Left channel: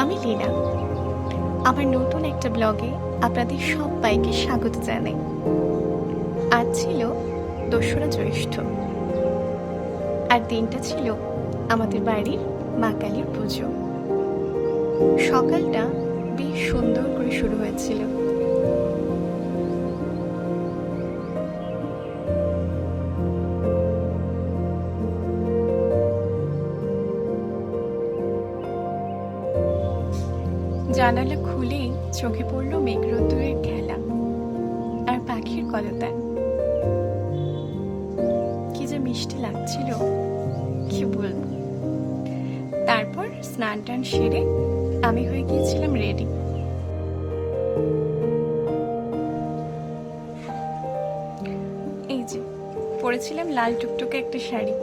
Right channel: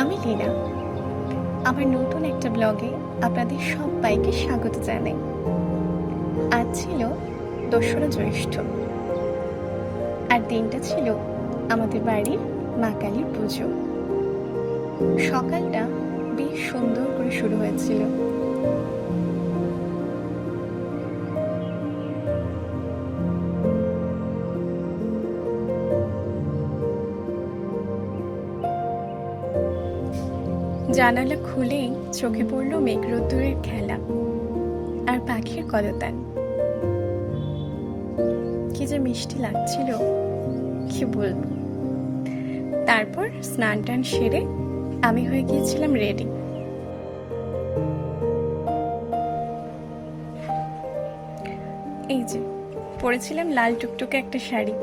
আমি লীনা। আমার নতুন একটা ব্লগে আপনাদের সবাইকে স্বাগত জানাই। আজ ছিল 2রা জ্যৈষ্ঠ, আর দিনটা ছিল আমাদের বাড়ির মা কালীর পুজো। সকালটা বেশ সুন্দর করে শুরু হয়েছিল। জানালা খুলেই চোখে পড়ল মেঘরোদ্দুরের খেলা আর পাখির কলতান। কি যে মিষ্টি লাগছিল, কি বলবো। তারপর স্নান টান সেরে আমি হয়ে গিয়েছিলাম রেডি। এই যে পরেছিলাম লাল টুকটুকে একটা শাড়ি,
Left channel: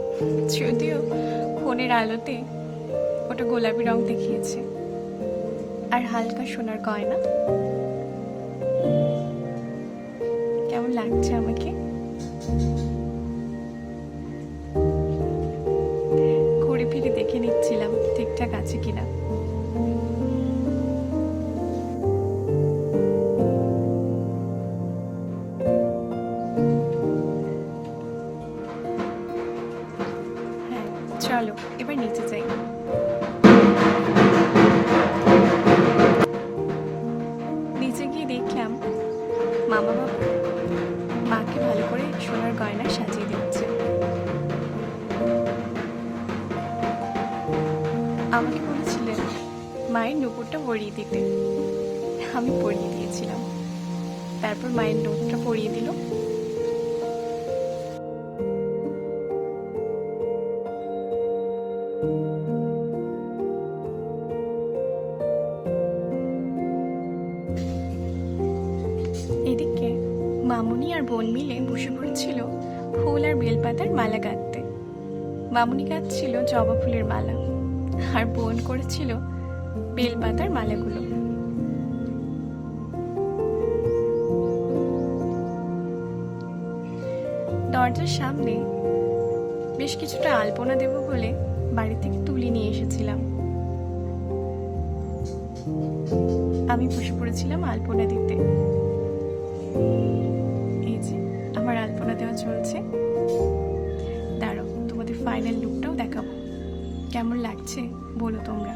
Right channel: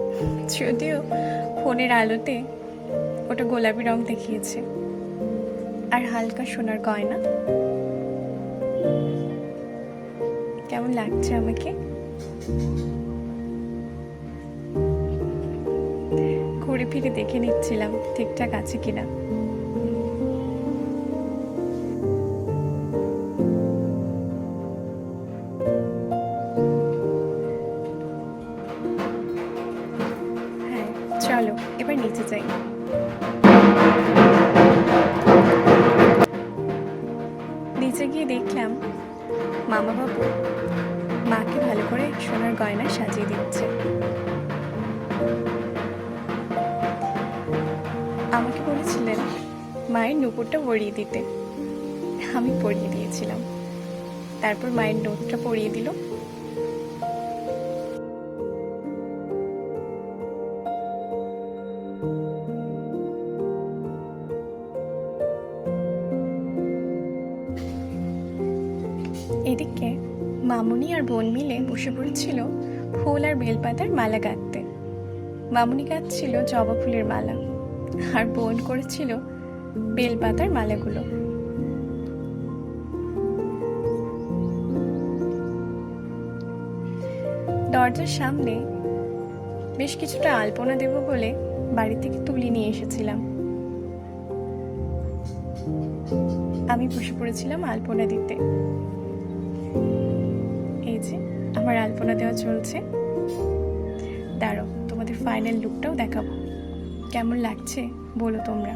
যদিও ফোনের আলোতে ওটা গোলাপি রং দেখিয়েছে, আর হালকা সোনার গয়না। কেমন লাগছে আমাকে? ঘুরে ফিরে দেখে নিচ্ছিলাম ঠিকঠাক আছে কিনা। হ্যাঁ, চলো এবার নিচে যাই। নিচে গিয়ে দেখলাম মামা বাবু মাকে ভালো করে সোনার গয়না সাজিয়ে দিচ্ছে। আমাকে বলেছিলেন মায়ের নুপুরটা পরিয়ে দিতে, আমি পরিয়ে দিয়েছিলাম। তারপর মায়ের নোটটা পরিয়ে দিল। এদিকে মামুনি আর বোন মিলে বসে পড়েছিল ফুল আর বেলপাতার মালা গাঁথতে। মামুনি গাঁথছিল জবা ফুলের মালা, আর বোন করেছিল বেলপাতার মালাগুলো। দরজার সামনে বেশ কিছুটা আলপনা দেব বলে বাড়ি থেকে তুলি নিয়ে এসেছিলাম। আমি বসে পড়েছিলাম আলপনা দিতে। এই যে আমার আলপনা দেওয়া চলছে। দাঁড়াও, তোমাদের ফাইনাল লুকটাও দেখাবো। কেমন লাগছে বলো তোমরা।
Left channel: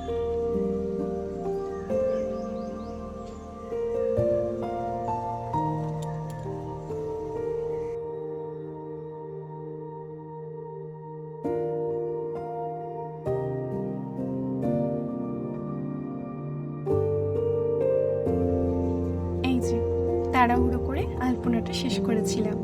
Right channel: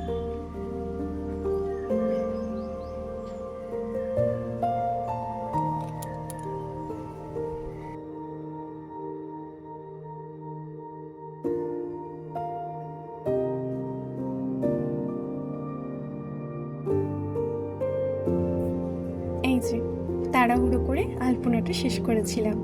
এই যে তাড়াহুড়ো করে আলপনাটা শেষ করেছিলাম।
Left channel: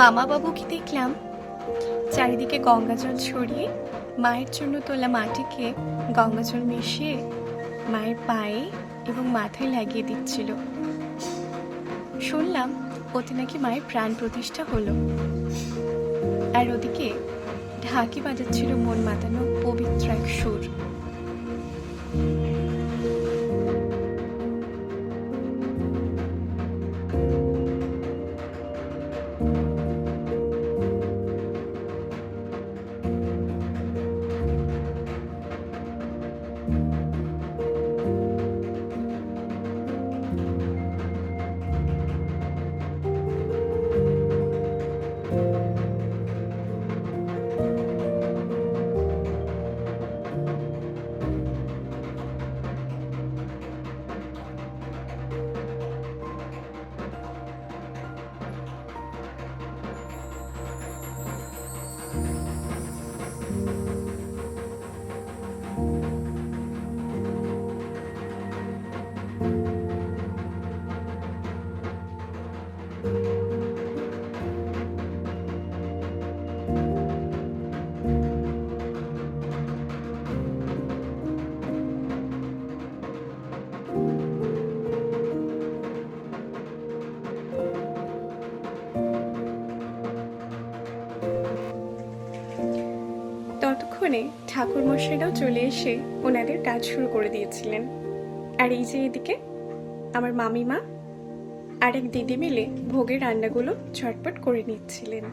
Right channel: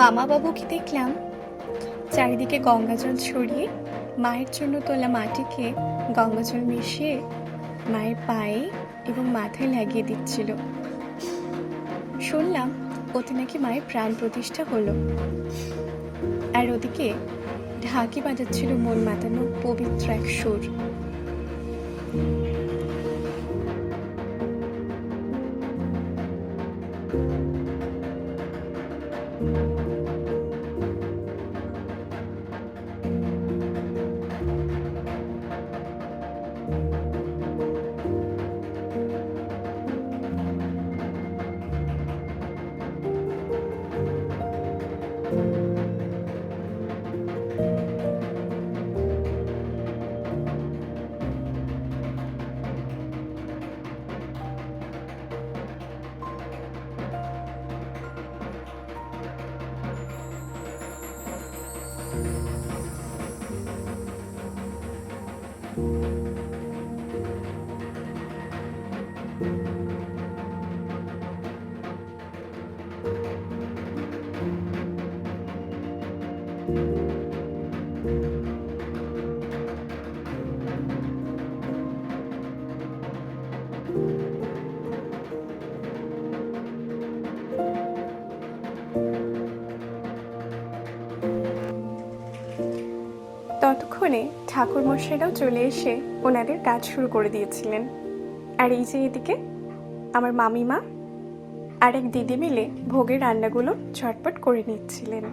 মামা বাবুকে দেখলাম চারিদিকে গঙ্গা জল ছড়িয়ে মায়ের জন্য তোলা মাটিকে গঙ্গা জল মিশিয়ে মায়ের পায়ে এবং মাথায় লাগিয়ে দিচ্ছিল। শুনলাম ওতে নাকি মায়ের প্রাণ প্রতিষ্ঠা হলো। আর ওদিকে ঢাকি বাজাচ্ছিল মন মাতানো পবিত্র এক সুর। ততক্ষণে ঠাকুরমশাইরাও চলে এসে ওনাদের কাজ শুরু করে দিয়েছিলেন। আর এই যে এদিকে আমার মামিমা আর এক দিদি মিলে ভোগের রান্নাগুলো ঝটপট করে নিচ্ছিলেন।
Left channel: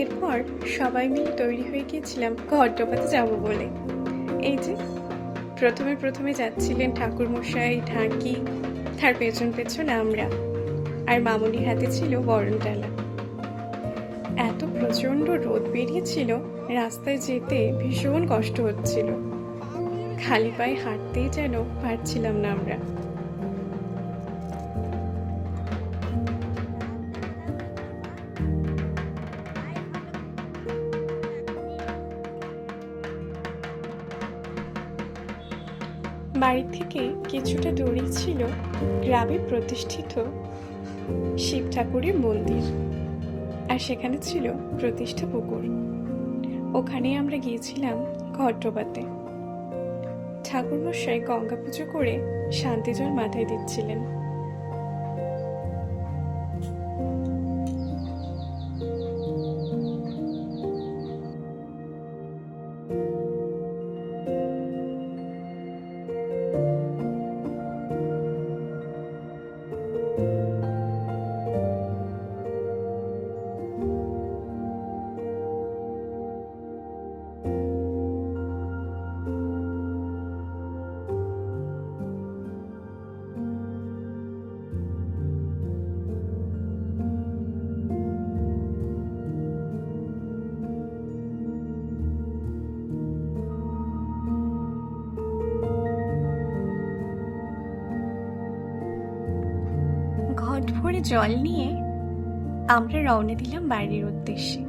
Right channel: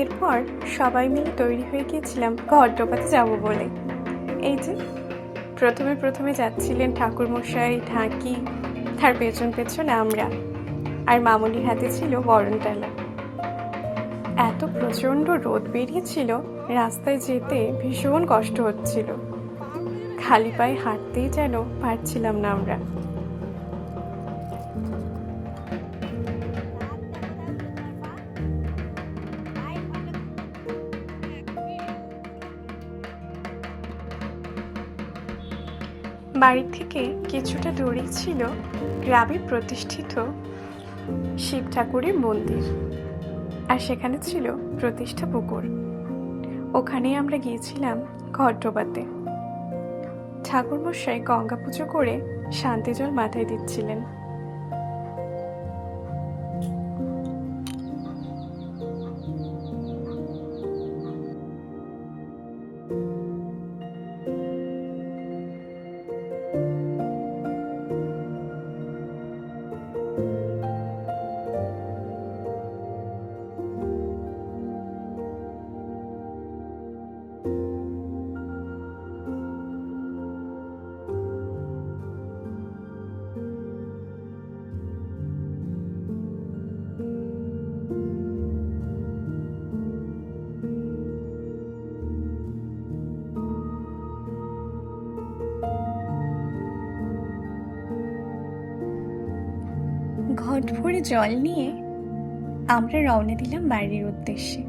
এরপর সবাই মিলে তৈরি হয়ে গিয়েছিলাম ঘট ডোবাতে যাবো বলে। এই যে প্রথমে প্রথমে যাচ্ছিলেন ঠাকুরমশাই, ঢাকি, তার পেছন পেছন আমরা, আর মামুনির হাতে ছিল বরণডালা। এত প্রচণ্ড রোদ বেরিয়েছিল, রাস্তায় যেতে ভীষণ কষ্ট হচ্ছিল, খালি পায়ে হাঁটতেই যেন পারছিলাম না আমরা। বাড়ি থেকে কিছুটা দূরেই ছিল গ্রামে প্রতিষ্ঠিত শিব ঠাকুরের মন্দির, আর সেখানে ছিল প্রতিষ্ঠা পুকুর। ওখানেই আমরা গিয়েছিলাম ঘট ডোবাতে। ঠাকুরমশাই গঙ্গা পুজো করে শান্তি জল মাথায় দিচ্ছিলেন। ঘট ভরে জল নিয়ে আমরা রওনা দিলাম বাড়ির উদ্দেশ্যে।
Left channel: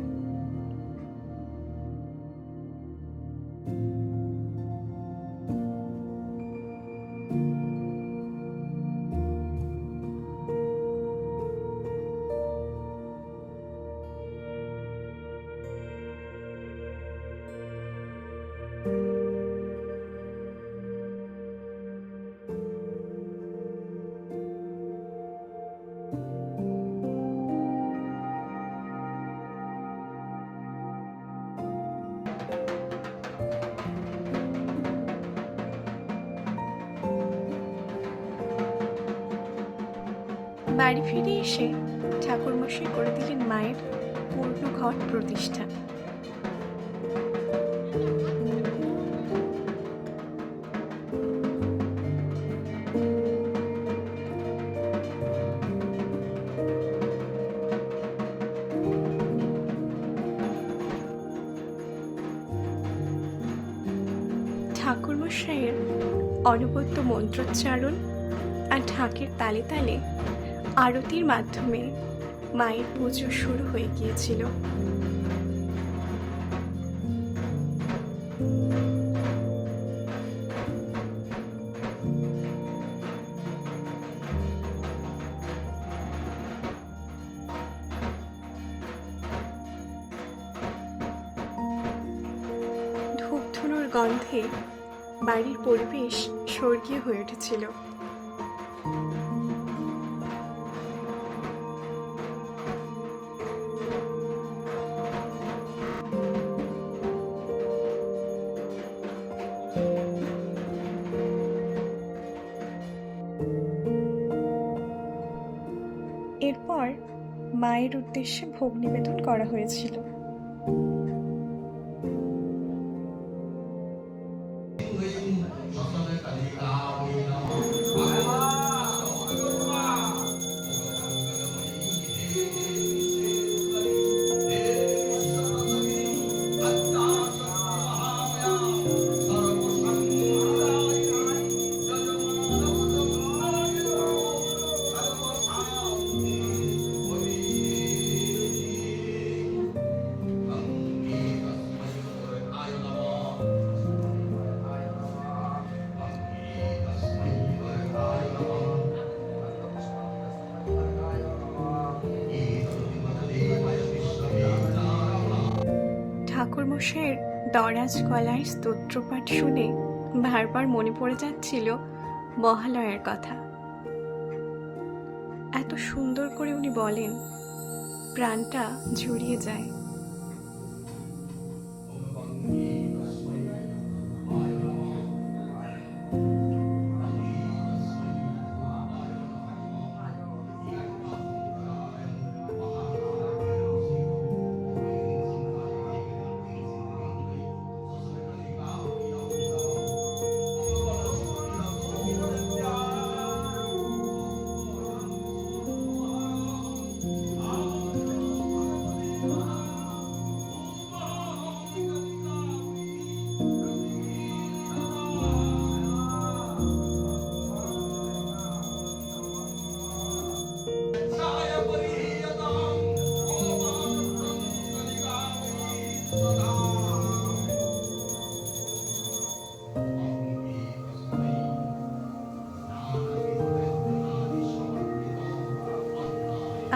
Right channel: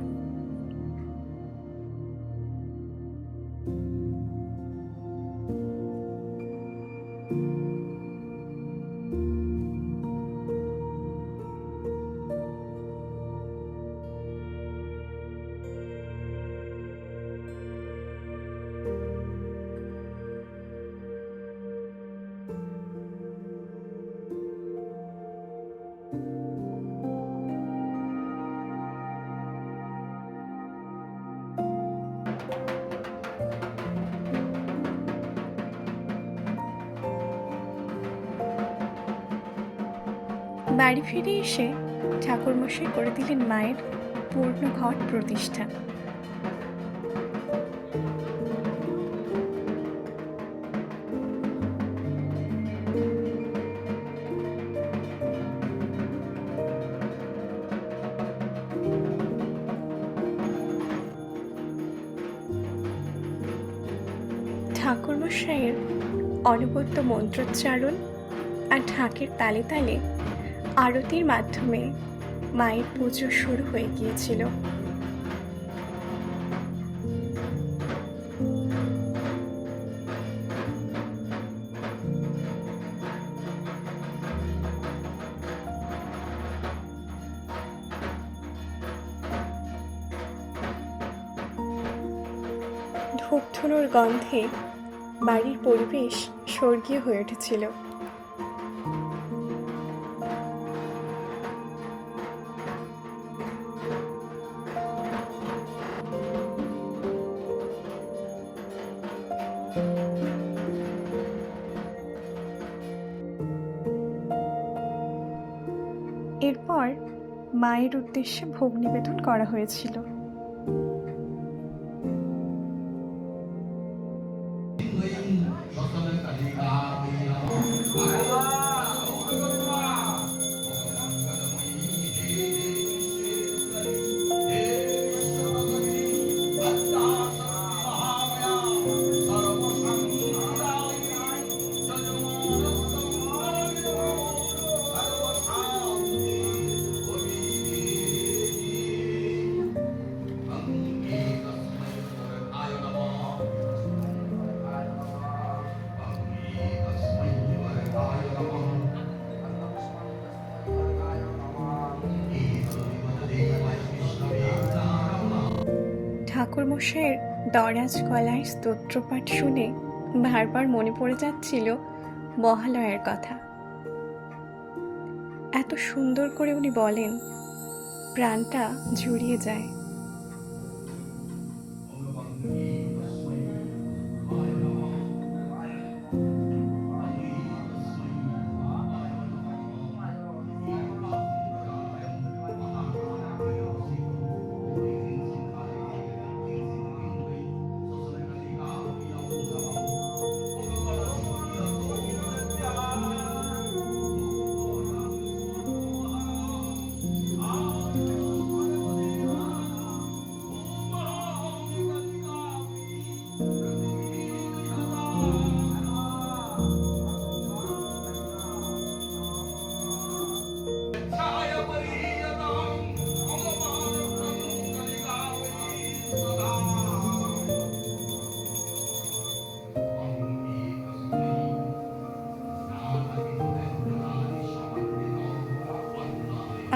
বাড়ি ফিরে এসে ঠাকুরমশাই করে দিলেন মায়ের পূর্ণ ঘট প্রতিষ্ঠা। ঠাকুরমশাইয়ের অনবদ্য মন্ত্রোচ্চারণ আর ঢাকের তালে তালে আরতির মাধ্যমে মায়ের পুজো শুরু হয়ে গিয়েছিল। ধূপধুনোর গন্ধে বাড়ির পরিবেশ স্বর্গীয় হয়ে উঠেছিল। এরপর মায়ের উদ্দেশ্যে ভোগ নিবেদন করা হয়েছিল। ঠাকুরমশাইয়ের দরাজ গলায় স্তোত্রপাঠ শুনে বারবার মনে পড়ে যাচ্ছিল মহালয়ার কথা। এত সুন্দর করে উনি বলেন, প্রাণটা জুড়িয়ে যায়।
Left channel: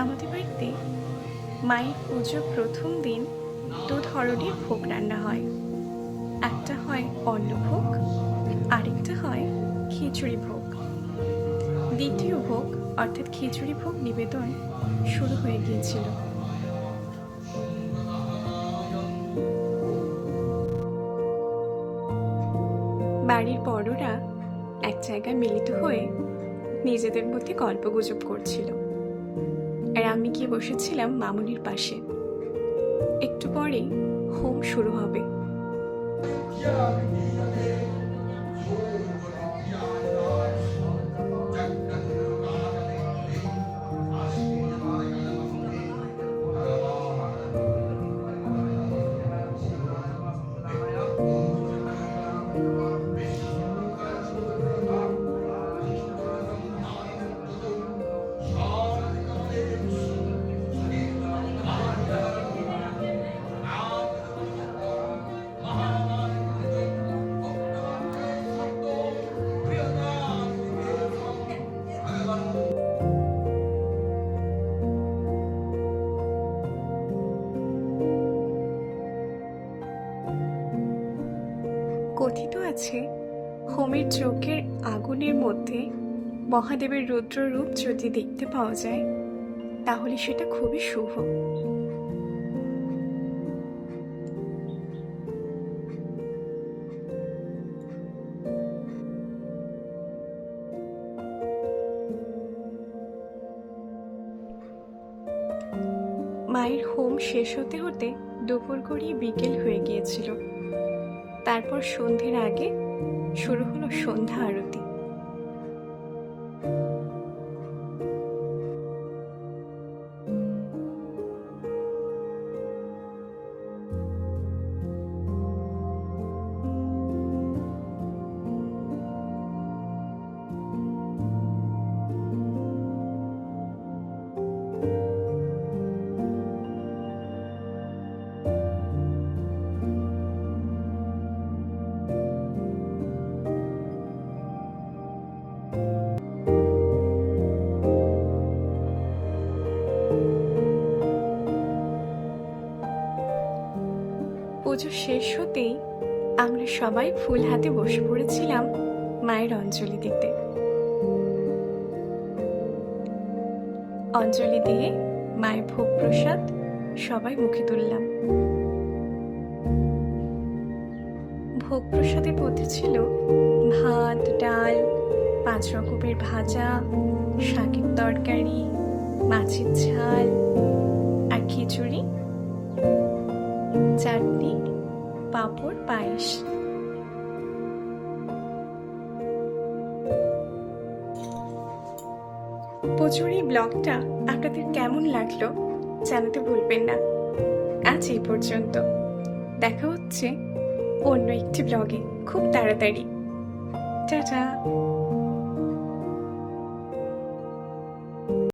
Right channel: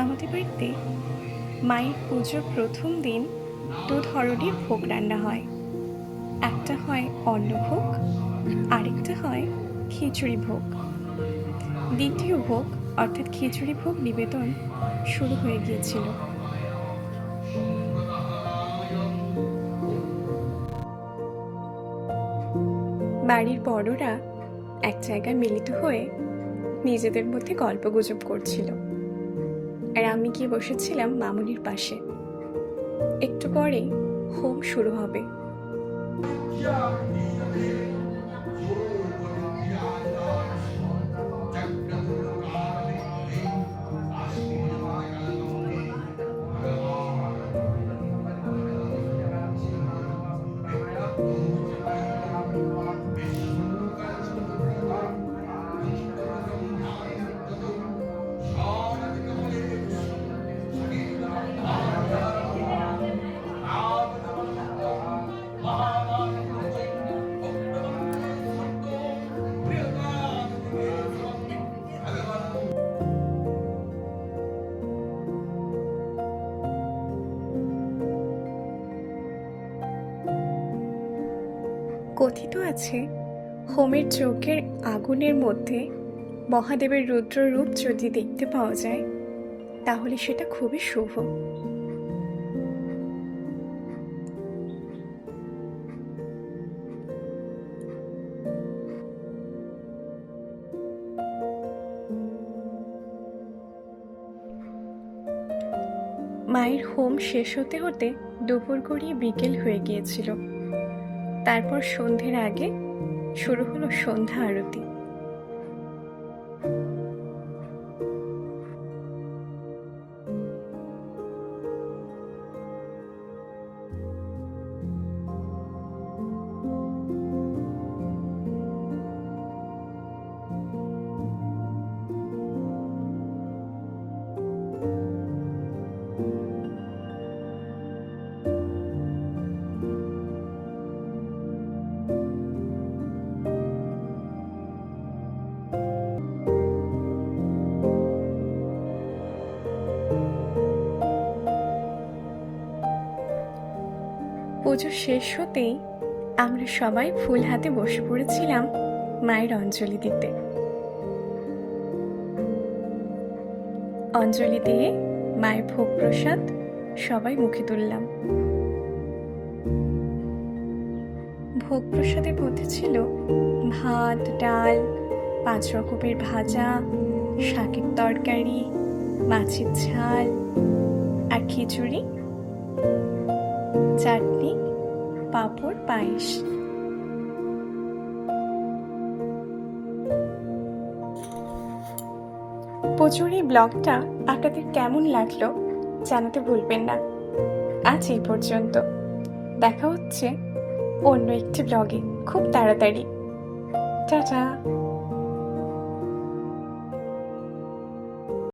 আমাদের বাড়িতে মায়ের পুজোর প্রথম দিন 2 ধরনের ভোগ রান্না হয়। একটা হয় অন্নভোগ, আরেকটা হয় খিচুড়ি ভোগ। দ্বিতীয় ভোগ অর্থাৎ খিচুড়ি ভোগ নিবেদন শুরু হয়ে গিয়েছিল। বাড়ির বড়রা এক জায়গায় মিলিত হয়ে নিজেদের মধ্যে গল্পগুজব করছিল, আর আমি গিয়ে বসেছিলাম মামুনির পাশে। একটু পরেই হোম শুরু হবে। কথিত আছে, হোমের যজ্ঞের আগুনের মধ্যে মহাদেবের রুদ্র রূপ যদি দেখতে পাওয়া যায় তাহলে সেটা খুবই শুভ। মায়ের হোম শেষ হতে হতে দুপুর গড়িয়ে বিকেল হয়ে গিয়েছিল। তারপর সন্ধ্যের আগে শুরু হলো সন্ধ্যা আরতি। পুজো শেষ হতেই আমরা সবাই ফুল হাতে বসে পড়েছিলাম মায়ের অঞ্জলি দিতে। অঞ্জলি দিয়ে মায়ের ভোগ প্রসাদ সবাই মুখে তুললাম। ভোগ প্রসাদের মধ্যে ছিল ভাত, ডাল, 5 রকমের ভাজা, শাকের তরকারি, মাছের ঝাল আর খিচুড়ি, চাটনি, পাঁপড়, পায়েস। পুজোর এই ব্লগটা আপনাদের কেমন লাগলো জানাতে ভুলবেন না। আজ এই পর্যন্ত, দেখা হচ্ছে অন্য একটি ব্লগে খুব তাড়াতাড়ি। টাটা।